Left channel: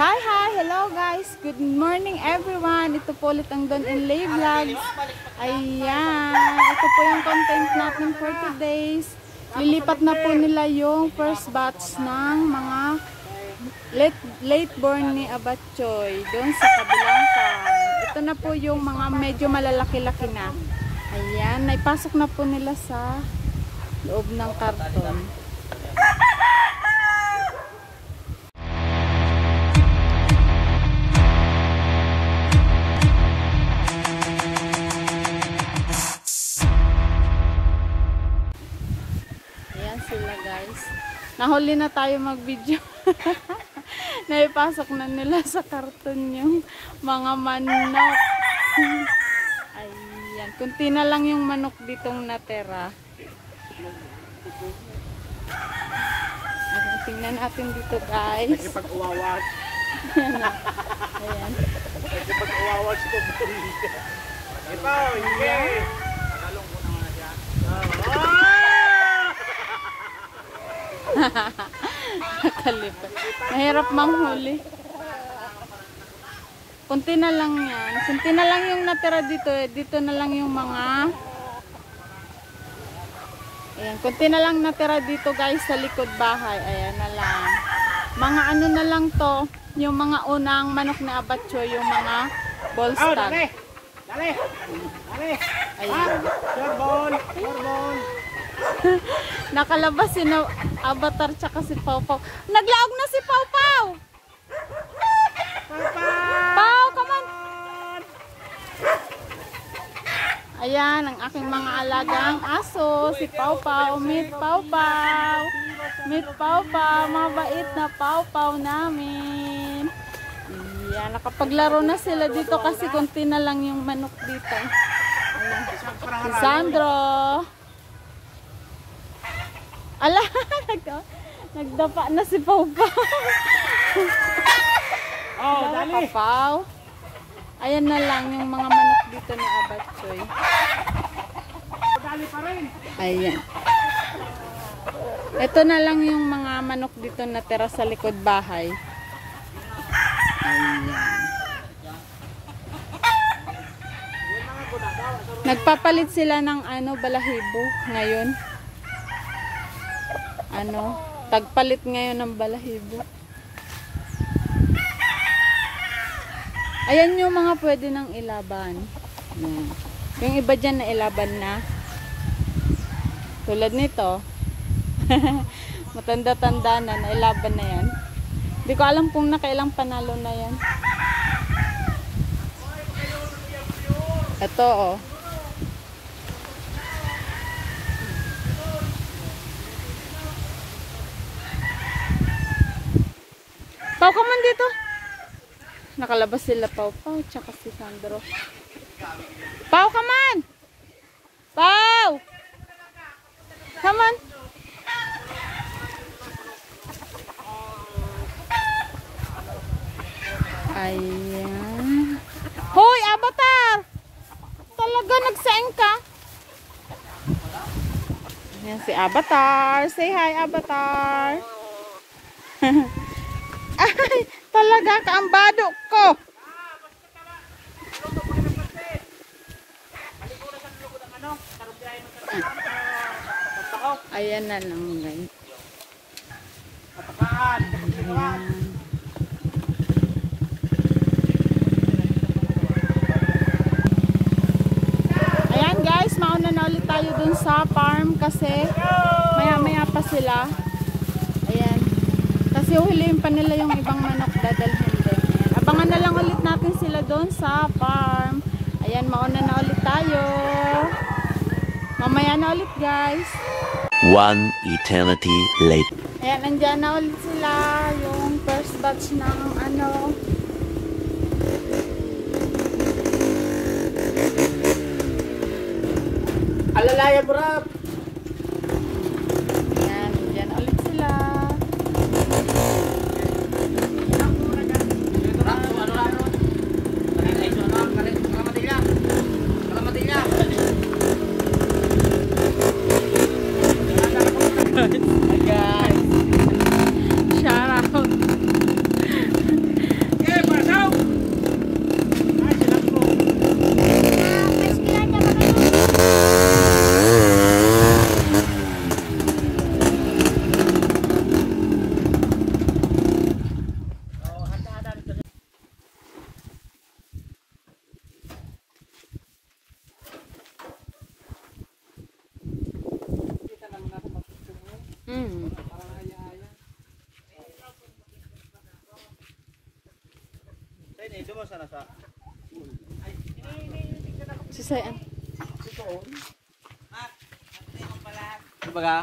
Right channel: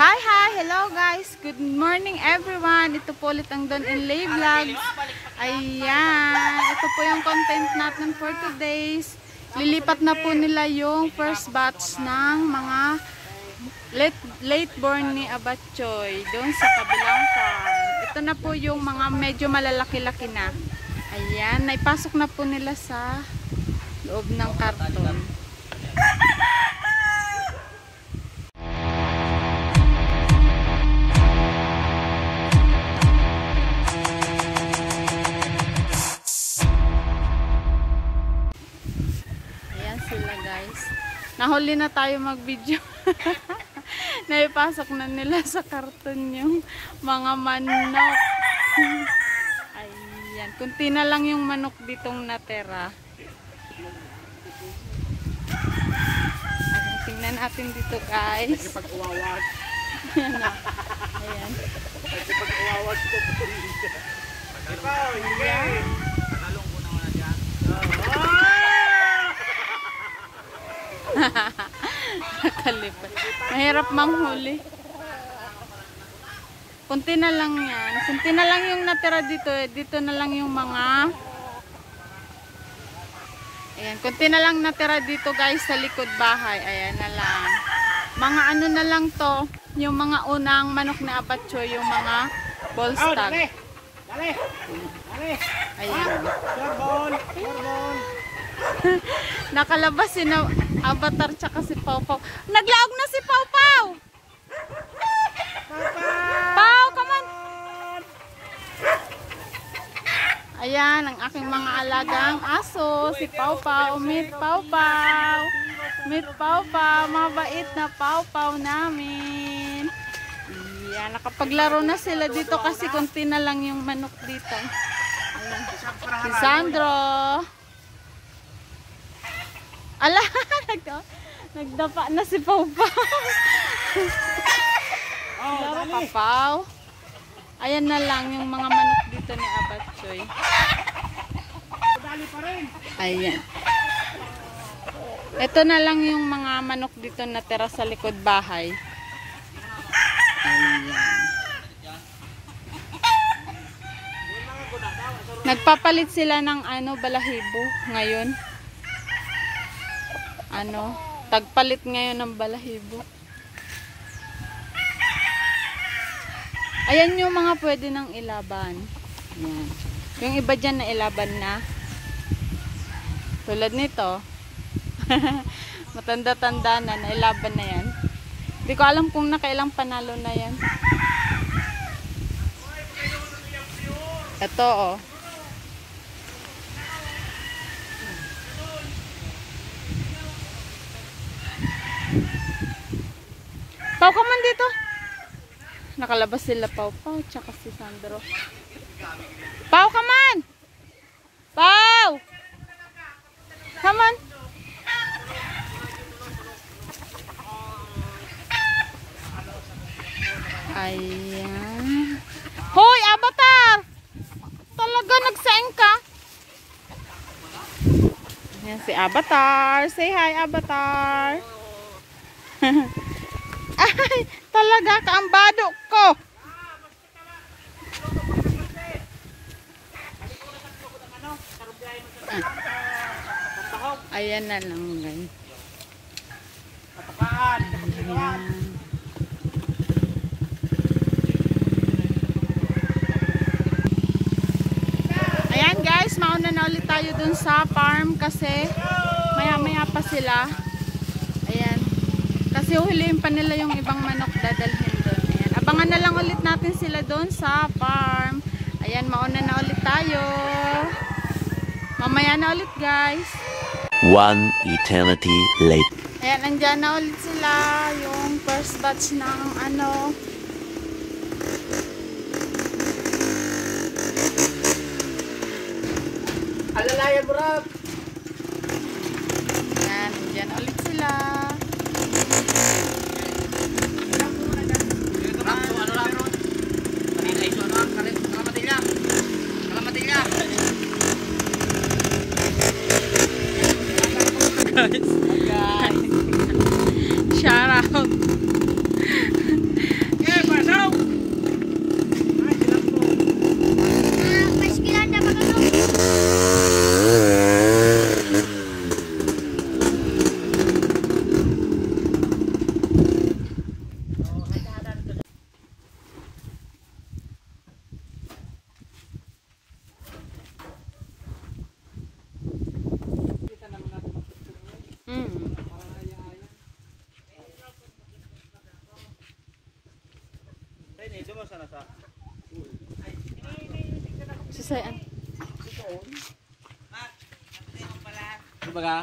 Hi! Hello guys! Good morning everyone! Ito po ulit ang Don and Lay Vlogs. Ayan! Ito po yung content natin for today's. Lilipat na po nila yung first batch ng mga late born ni Abatchoy doon sa kabilang farm. Ito na po yung mga medyo malalaki-laki na. Ayan! Naipasok na po nila sa loob ng karton. Sila guys. Nahuli na tayo mag-video. Naipasok na nila sa karton yung mga manok. Ayan. Kunti na lang yung manok ditong natera. Ayan. Tingnan natin dito guys. Pag-uwawas. Ayan. Pag-uwawas ko po. Ikaw, hindi. Nagalong ko naman na dyan. Nakalipat. Mahirap manghuli. Kunti na lang yan. Kunti na lang yung natira dito. Dito na lang yung mga... Ayan. Kunti na lang natira dito guys sa likod bahay. Ayan na lang. Mga ano na lang to. Yung mga unang manok na Abatchoy. Yung mga Bolstag. Dali! Dali! Dali! Ayan. Surbol! Surbol! Nakalabas si Avatar tsaka si Pau Pau. Naglaog na si Pau Pau! Pau, come on! Ayan, ang aking mga alagang aso. Si Pau Pau. Meet Pau Pau. Meet Pau Pau. Mabait na Pau Pau namin. Ayan, nakapaglaro na sila dito kasi konti na lang yung manok dito. Ayan. Si Sandro. Ala, nagdapa na si Pau Pau. Dara ka, Pau. Ayan na lang yung mga manok dito na Abatchoy. Ayan. Ito na lang yung mga manok dito na tira sa likod bahay. Ayan. Nagpapalit sila ng balahibo ngayon. Tagpalit ngayon ng balahibo. Ayan yung mga pwede nang ilaban. Ayan. Yung iba dyan na ilaban na. Tulad nito. Matanda-tanda na, nailaban na yan. Hindi ko alam kung nakailang panalo na yan. Ito oh. Pau, come on dito. Nakalabas sila Pau Pau tsaka si Sandro. Pau, come on. Pau. Come on. Ayan. Hoy, Avatar. Talaga nagsaing ka. Ayan si Avatar. Say hi, Avatar. Ay, talaga kaambado ko. Ayan na lang guys. Ayan. Ayan guys, mauna na ulit tayo dun sa farm kasi maya-maya pa sila. Ayan. Kasi huliin pa nila yung ibang manok dadalhin doon. Ayan. Abangan na lang ulit natin sila doon sa farm. Ayan, mauna na ulit tayo. Mamaya na ulit guys. One eternity later. Ayan, nandyan na ulit sila. Yung first batch ng Alalaya, bro! Ayan, nandyan ulit sila. Guys. Shout out. mo sana sa pool. Si Sayan. Ano ba ka?